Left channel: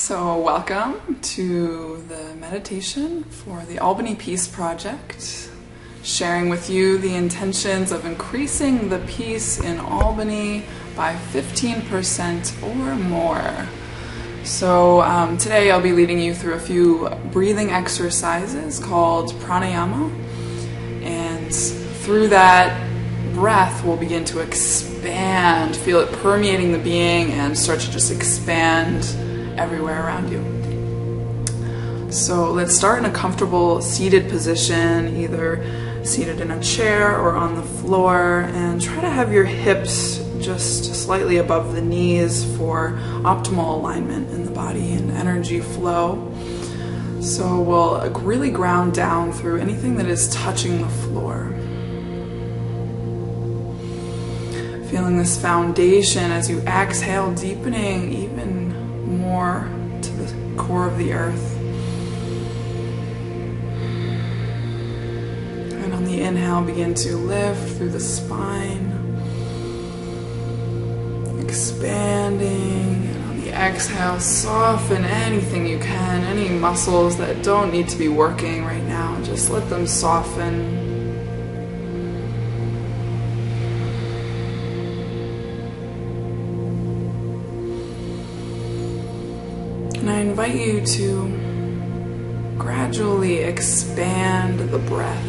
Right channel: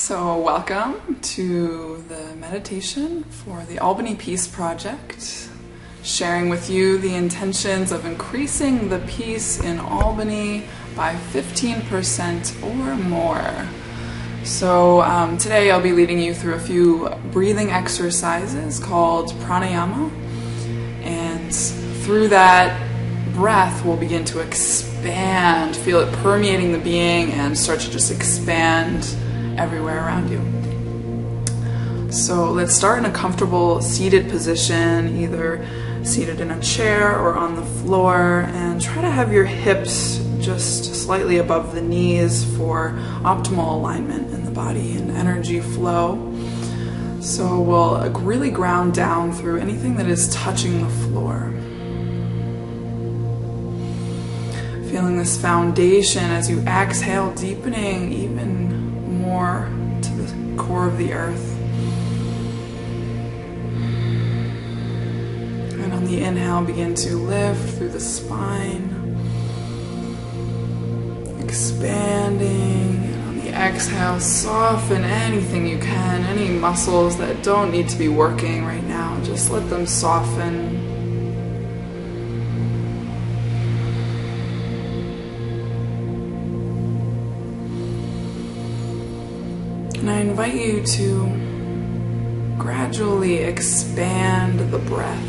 So welcome to the meditation for the Albany Peace Project, sharing with you the intentions of increasing the peace in Albany by 15% or more. So today I'll be leading you through a few breathing exercises called pranayama, and through that breath will begin to expand, feel it permeating the being and start to just expand everywhere around you. So let's start in a comfortable seated position, either seated in a chair or on the floor, and try to have your hips just slightly above the knees for optimal alignment in the body and energy flow. So we'll really ground down through anything that is touching the floor. Feeling this foundation as you exhale, deepening even more to the core of the earth. And on the inhale, begin to lift through the spine, expanding. And on the exhale, soften anything you can, any muscles that don't need to be working right now, just let them soften. And I invite you to gradually expand the breath.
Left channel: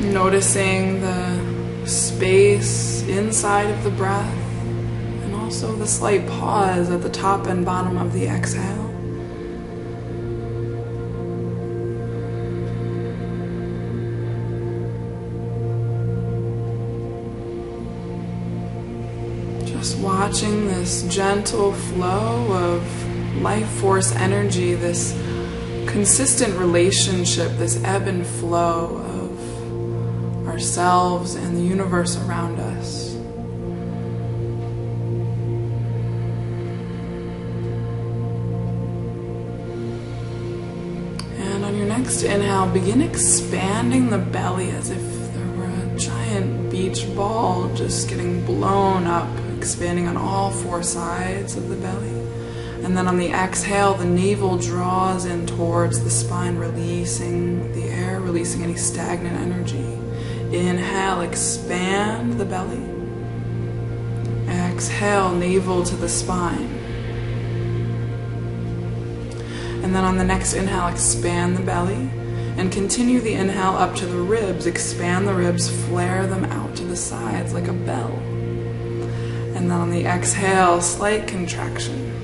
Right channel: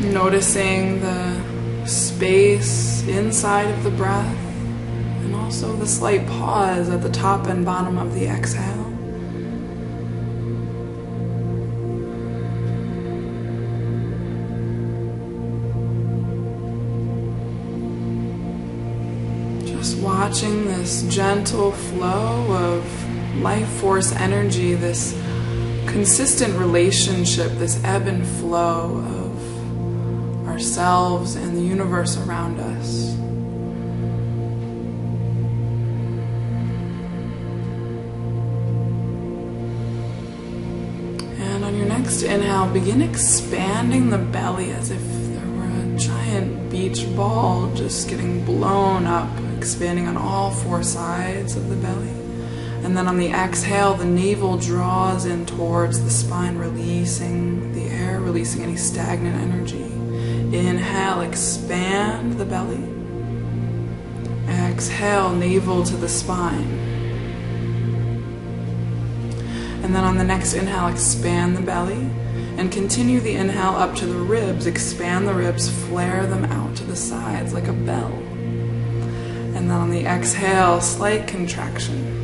Noticing the space inside of the breath and also the slight pause at the top and bottom of the exhale. Just watching this gentle flow of life force energy, this consistent relationship, this ebb and flow of ourselves and the universe around us. And on your next inhale, begin expanding the belly as if there were a giant beach ball just getting blown up, expanding on all four sides of the belly. And then on the exhale, the navel draws in towards the spine, releasing the air, releasing any stagnant energy. Inhale, expand the belly. Exhale, navel to the spine. And then on the next inhale, expand the belly. And continue the inhale up to the ribs. Expand the ribs, flare them out to the sides like a bell. And then on the exhale, slight contraction.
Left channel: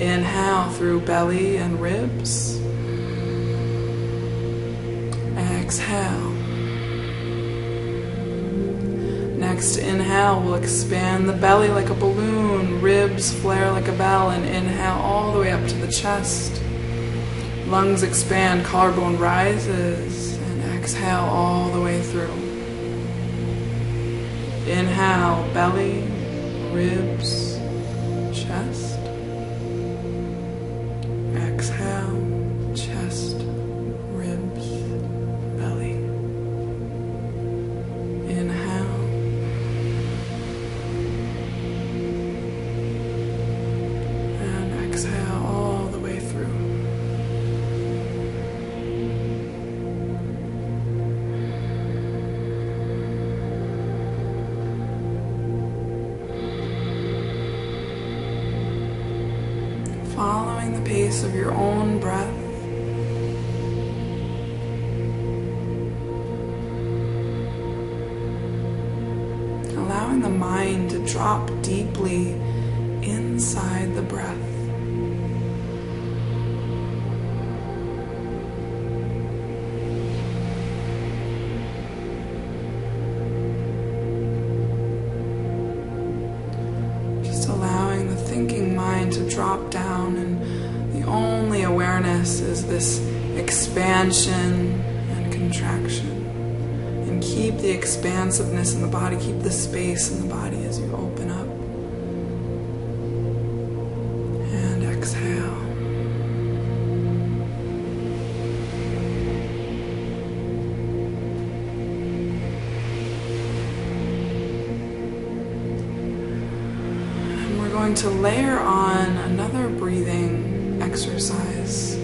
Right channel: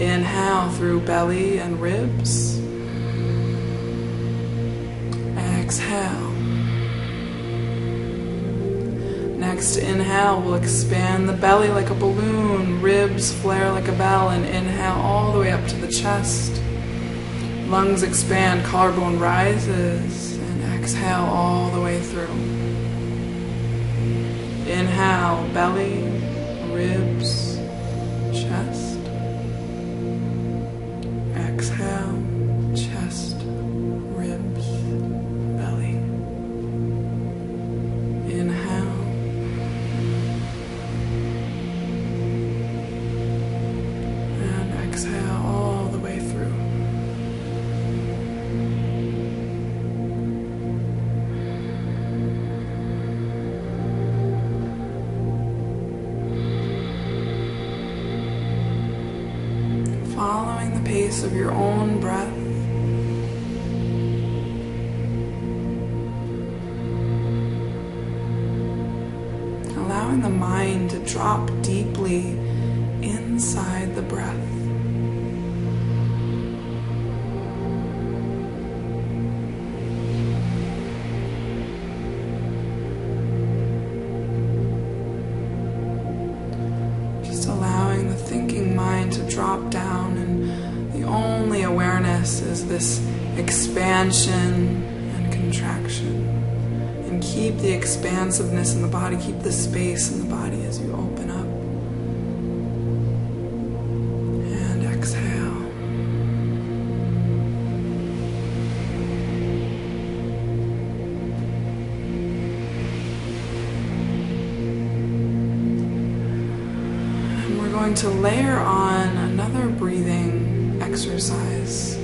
Inhale through belly and ribs. Exhale. Next inhale, we'll expand the belly like a balloon, ribs flare like a bell, and inhale all the way up to the chest. Lungs expand, collarbone rises, and exhale all the way through. Inhale, belly, ribs, chest. Exhale, chest, ribs, belly. Inhale. And exhale all the way through. Following the pace of your own breath. Allowing the mind to drop deeply inside the breath. Allowing the thinking mind to drop down, and the only awareness is this expansion and contraction. And keep the expansiveness in the body, keep the space in the body as you open up. And exhale. we're going to layer on another breathing exercise.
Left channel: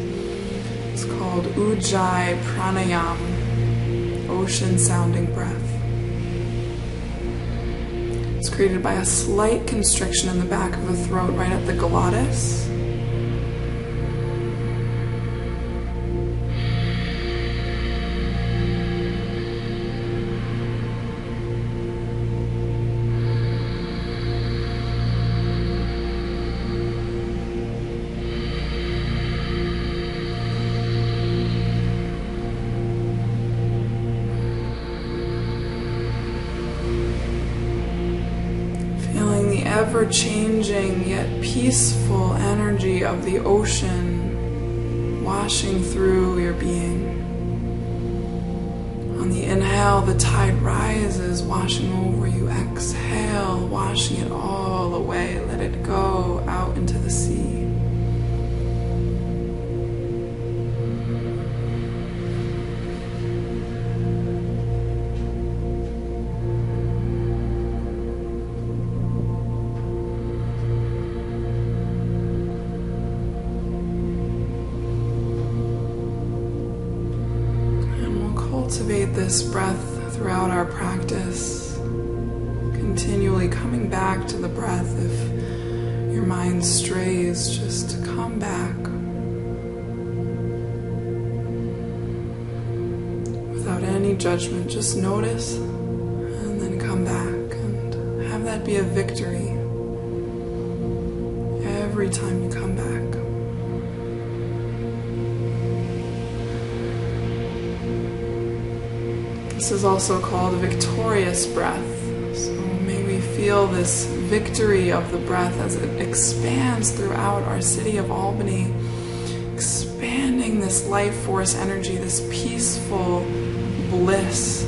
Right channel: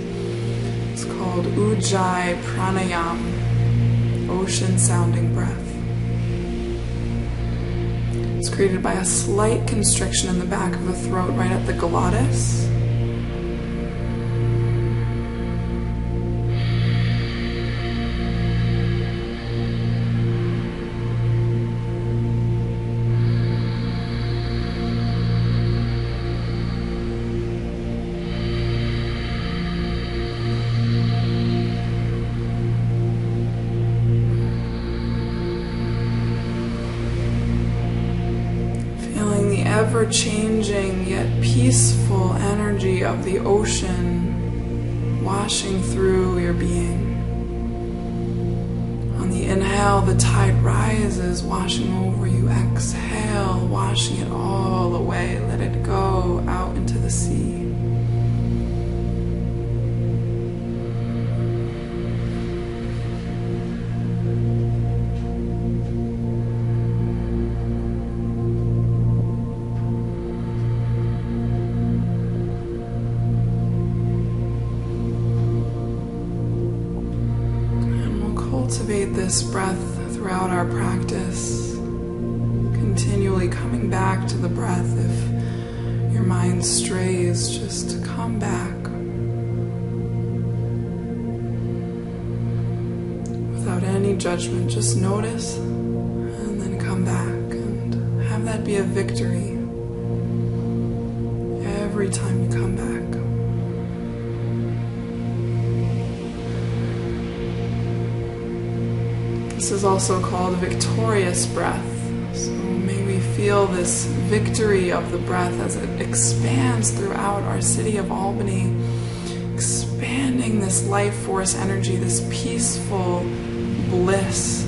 It's called Ujjayi pranayama, ocean sounding breath. It's created by a slight constriction in the back of the throat right at the glottis. Feeling the ever-changing yet peaceful energy of the ocean washing through your being. On the inhale, the tide rises, washing over you. Exhale, washing it all away. Let it go out into the sea. Cultivate this breath throughout our practice, continually coming back to the breath. If your mind strays, just come back without any judgment. Just notice and then come back, and have that be a victory every time you come back. This is also called a victorious breath. So may we feel this victory of the breath as it expands throughout our city of Albany, expanding this life force energy, this peaceful bliss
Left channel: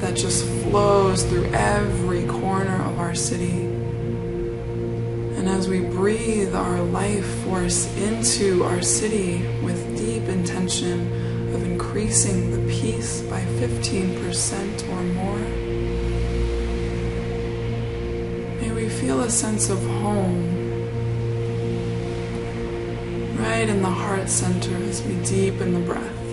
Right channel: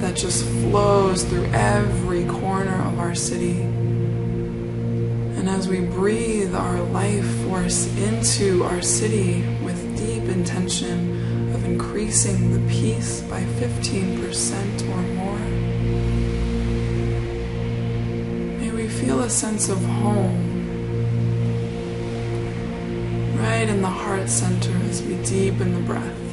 that just flows through every corner of our city. And as we breathe our life force into our city with deep intention of increasing the peace by 15% or more, may we feel a sense of home right in the heart center as we deepen the breath.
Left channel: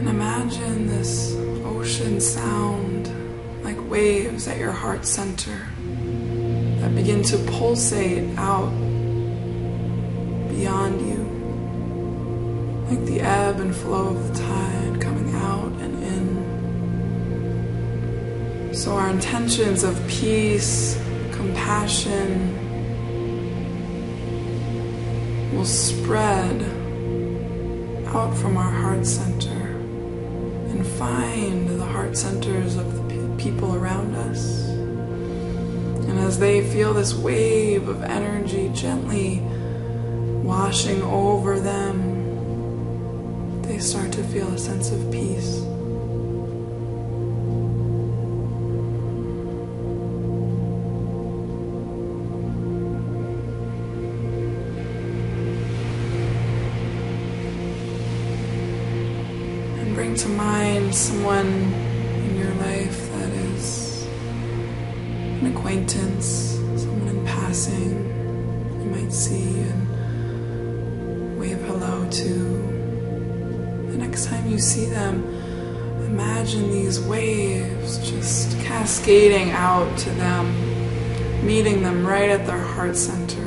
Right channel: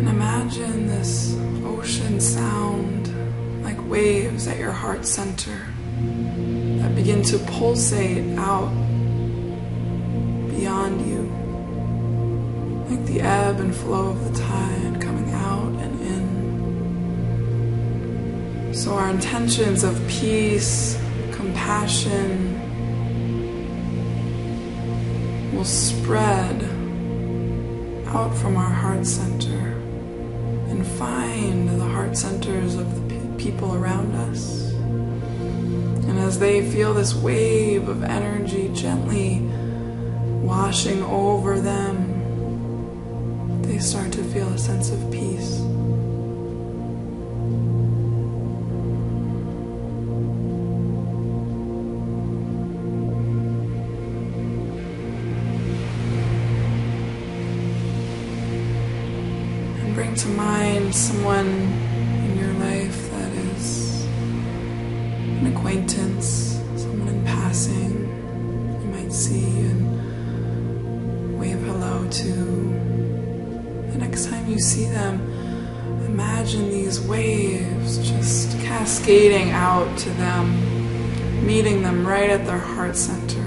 Imagine this ocean sound like waves at your heart center that begin to pulsate out beyond you, like the ebb and flow of the tide coming out and in. So our intentions of peace, compassion will spread out from our heart center and find the heart centers of the people around us. And as they feel this wave of energy gently washing over them, they start to feel a sense of peace. Bring to mind someone in your life that is an acquaintance, someone in passing you might see and wave hello to. The next time you see them, imagine these waves just cascading out to them, meeting them right at their heart center.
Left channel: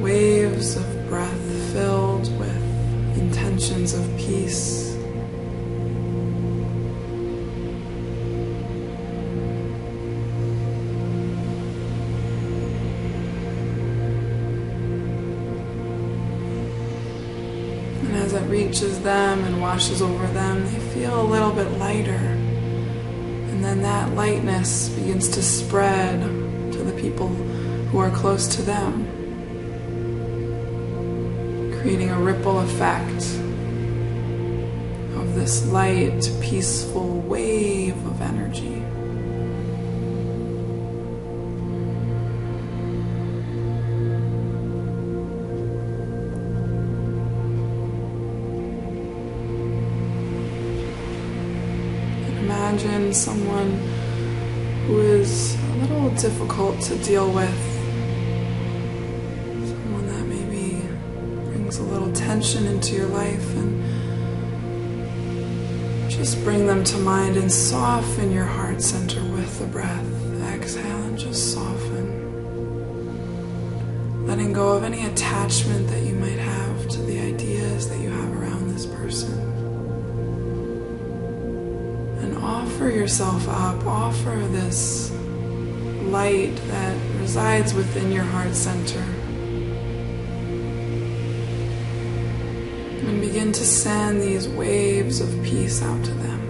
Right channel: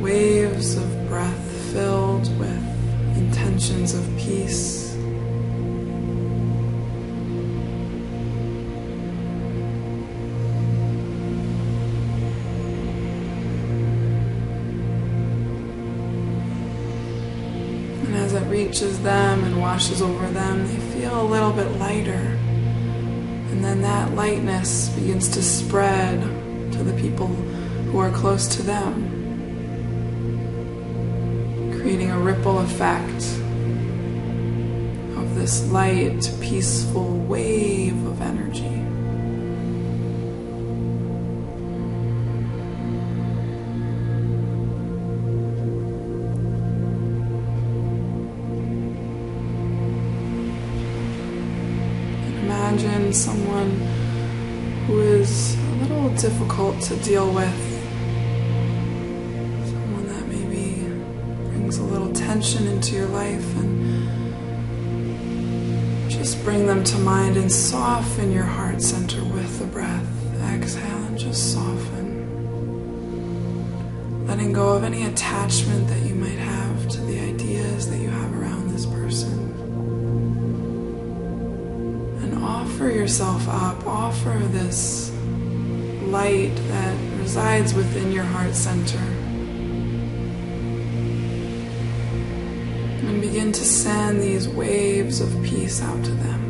Waves of breath filled with intentions of peace. And as it reaches them and washes over them, they feel a little bit lighter. And then that lightness begins to spread to the people who are close to them, creating a ripple effect of this light, peaceful wave of energy. Imagine someone who is a little difficult to deal with, someone that maybe brings a little tension into your life, and just bring them to mind and soften your heart center with the breath. Exhale and just soften, letting go of any attachment that you might have to the ideas that you have around this person. And offer yourself up, offer this light that resides within your heart center. And begin to send these waves of peace out to them.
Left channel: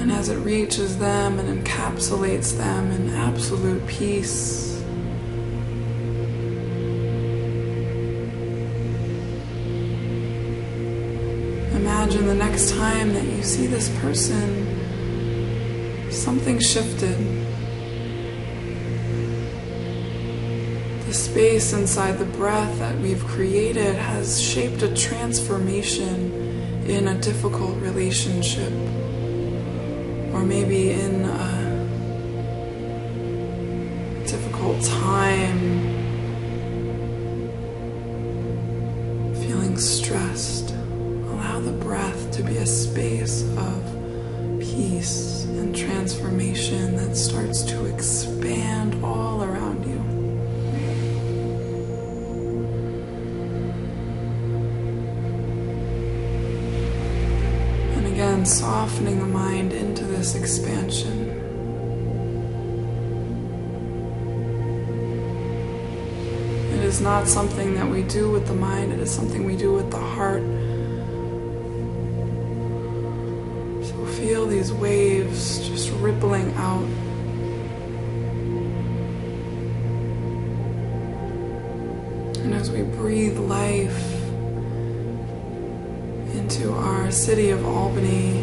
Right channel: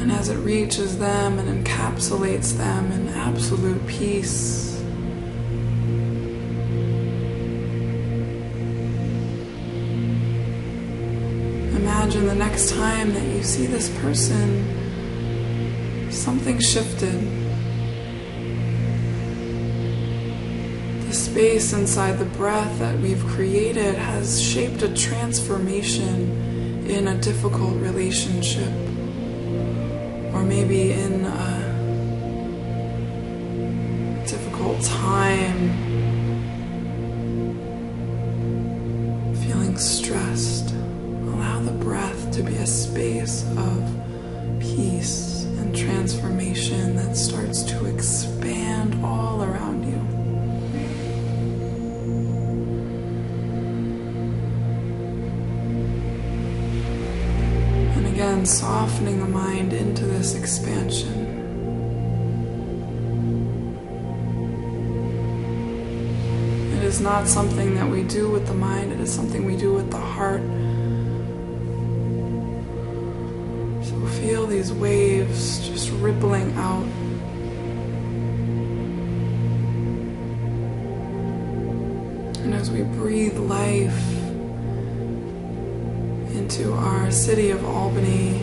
And as it reaches them and encapsulates them in absolute peace, imagine the next time that you see this person, something shifted. The space inside the breath that we've created has shaped a transformation in a difficult relationship, or maybe in a difficult time, feeling stressed. Allow the breath to be a space of peace and transformation that starts to expand all around you. And again, softening the mind into this expansion. It is not something that we do with the mind, it is something we do with the heart. Feel these waves just rippling out. And as we breathe life into our city of Albany,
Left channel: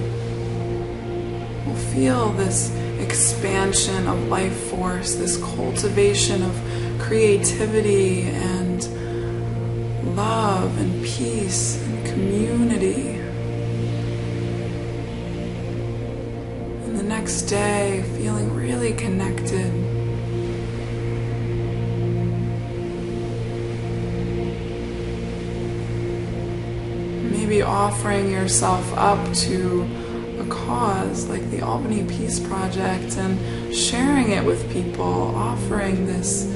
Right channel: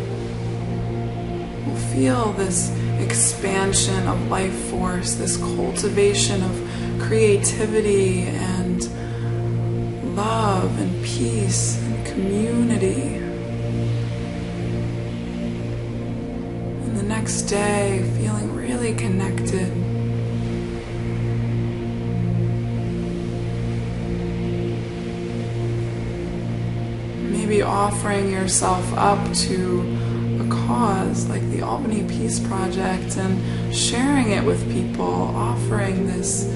we'll feel this expansion of life force, this cultivation of creativity and love and peace and community. The next day, feeling really connected. Maybe offering yourself up to a cause like the Albany Peace Project and sharing it with people, offering this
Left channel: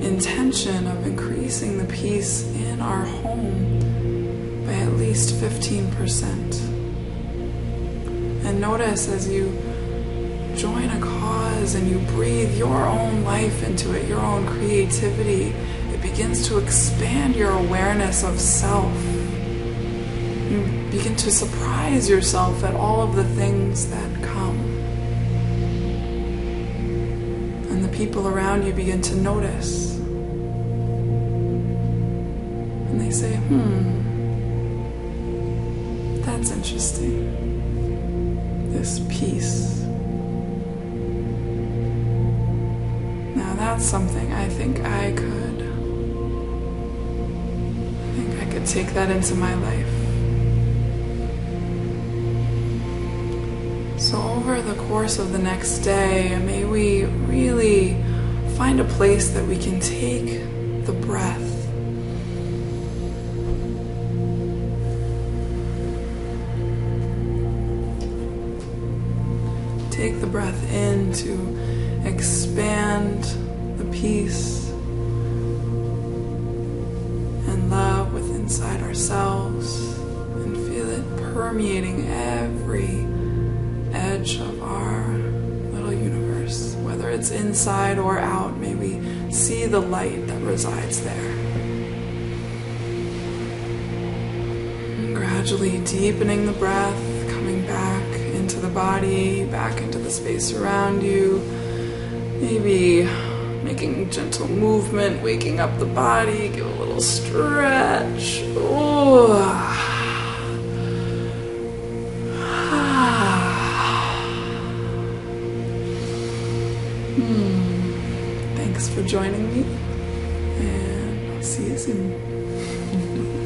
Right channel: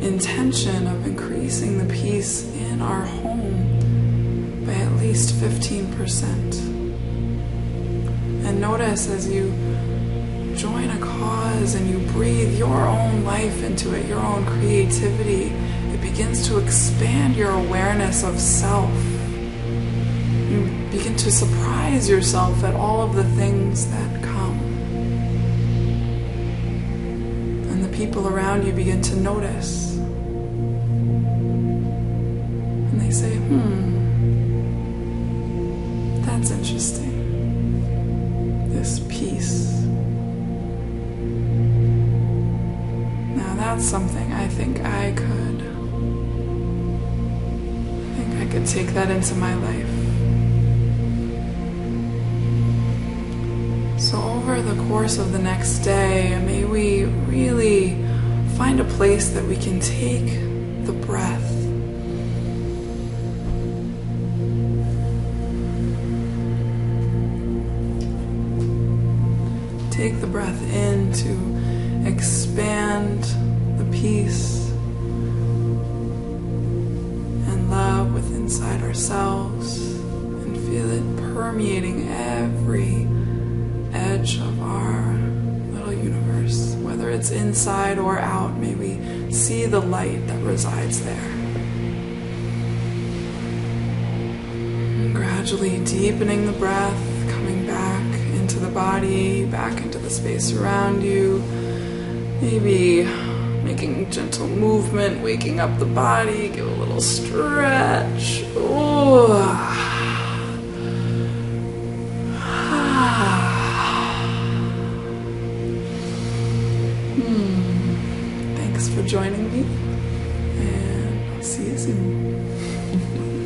intention of increasing the peace in our home by at least 15%. And notice as you join a cause and you breathe your own life into it, your own creativity, it begins to expand your awareness of self. You begin to surprise yourself at all of the things that come. And the people around you begin to notice. And they say, that's interesting. This peace. Now that's something I think I could take that into my life. So over the course of the next day, may we really find a place that we can take the breath. Take the breath in to expand the peace and love within inside ourselves and feel it permeating every edge of our little universe. Whether it's inside or out, may we see the light that resides there. And gradually deepening the breath, coming back into the body, back into the space around you. Maybe Making gentle movement, waking up the body, give a little stretch. Oh. Thanks for joining me, and I'll see you soon.